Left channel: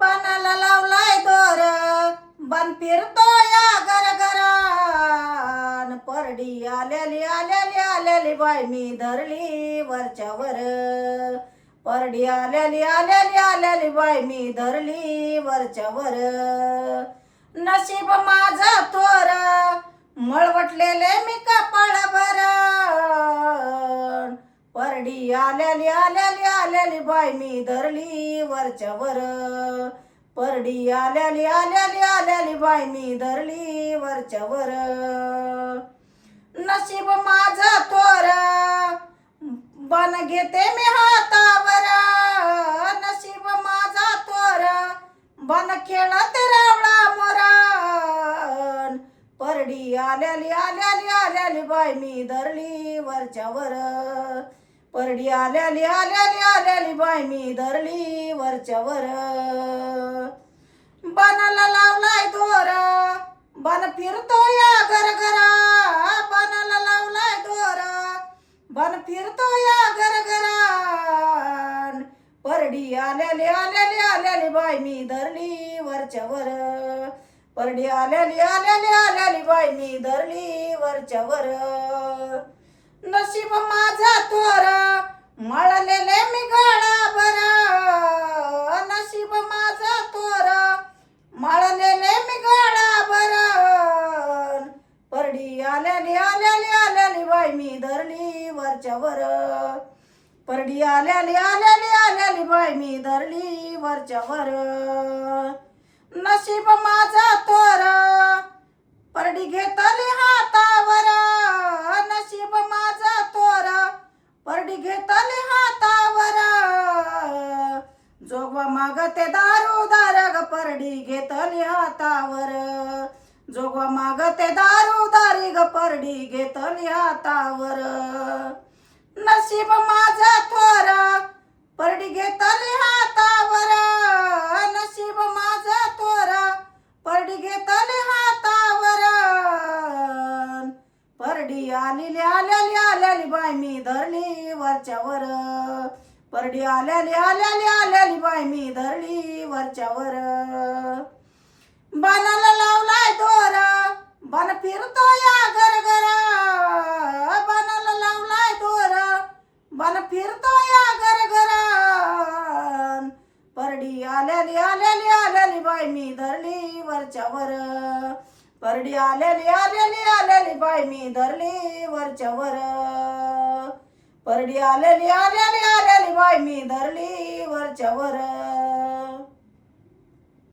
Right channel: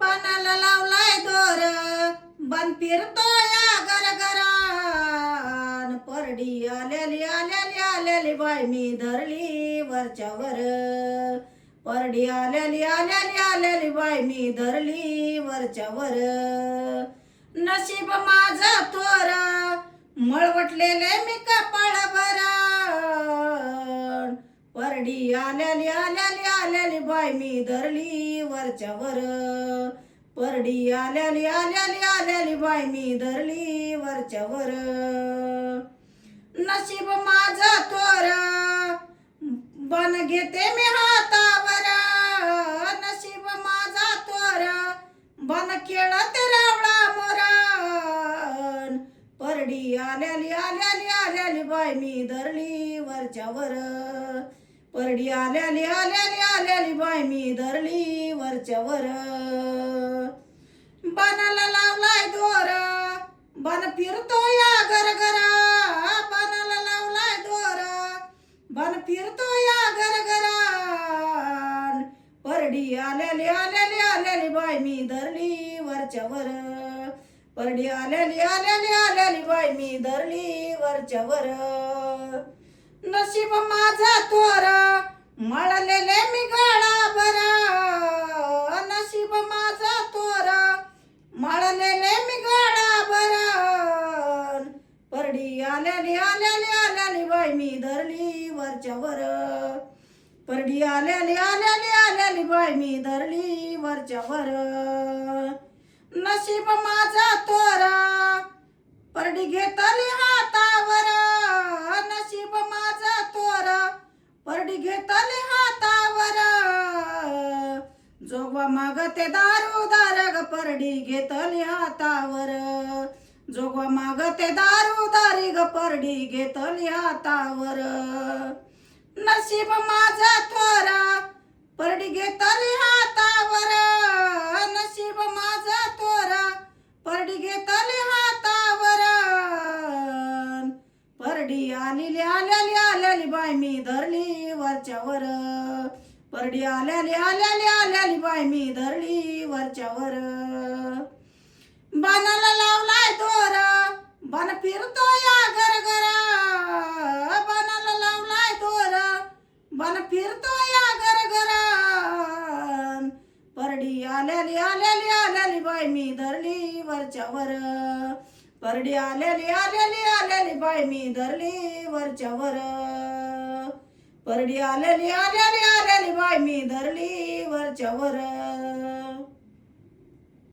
बनाला लावलाय दोर, बन फिरतो या गरगरान. परडी आल्याली आल्याली आल्याली बाय मी धरली वरच्यावर. परडी आल्याली आल्याली आल्याली बाय मी धरली वरच्यावर. नशीब माझं थोर, मळवटलेले मी कपाळावर. परडी आल्याली आल्याली आल्याली बाय मी धरली वरच्यावर. परडी आल्याली आल्याली आल्याली बाय मी धरली वरच्यावर. नशीब माझं थोर, बन घेते मी हातावर. नशीब माझा थोर, बन खेळत रावळा मोरण. परडी आल्याली आल्याली आल्याली बाय मी धरली वरच्यावर. परडी आल्याली आल्याली आल्याली बाय मी धरली वरच्यावर. बनाला लावलाय दोर, बन फिरतो या गरगरा. बनाला लावलाय दोर, बन फिरतो या गरगरान. परडी आल्याली आल्याली आल्याली बाय मी धरली वरच्यावर. परडी आल्याली आल्याली आल्याली बाय मी धरली वरच्यावर. नशीब माझा थोर, मळलेले मी गळाभर. नशीब माझा थोर, मळलेले मी गळाभर. परडी आल्याली आल्याली आल्याली बाय मी धरली वरच्यावर. परडी आल्याली आल्याली आल्याली बाय मी धरली वरच्यावर. नशीब माझा थोर, परडी घेतली हातावर. नशीब माझा थोर, परडी घेतली हातावर. जोगवा मागते दारूदार ग, परडी घेतली हातावर. जोगवा मागते दारूदारी ग, परडी घेतली हातावर. नशीब माझा थोर, परडी घेतली हातावर. नशीब माझा थोर, परडी घेतली हातावर. परडी आलेली आल्याली आल्याली बाय मी धरली वरच्यावर. परडी आल्याली आल्याली आल्याली बाय मी धरली वरच्यावर. बनाला लावलाय दोर, बन फिरतो या गरगरा. बनाला लावलाय दोर, बन फिरतो या गरगरान. परडी आल्याली आल्याली आल्याली बाय मी धरली वरच्यावर. परडी आल्याली आल्याली आल्याली बाय मी धरली वरच्यावर. परडी आल्याली आल्याली आल्याली बाय मी धरली वरच्यावर.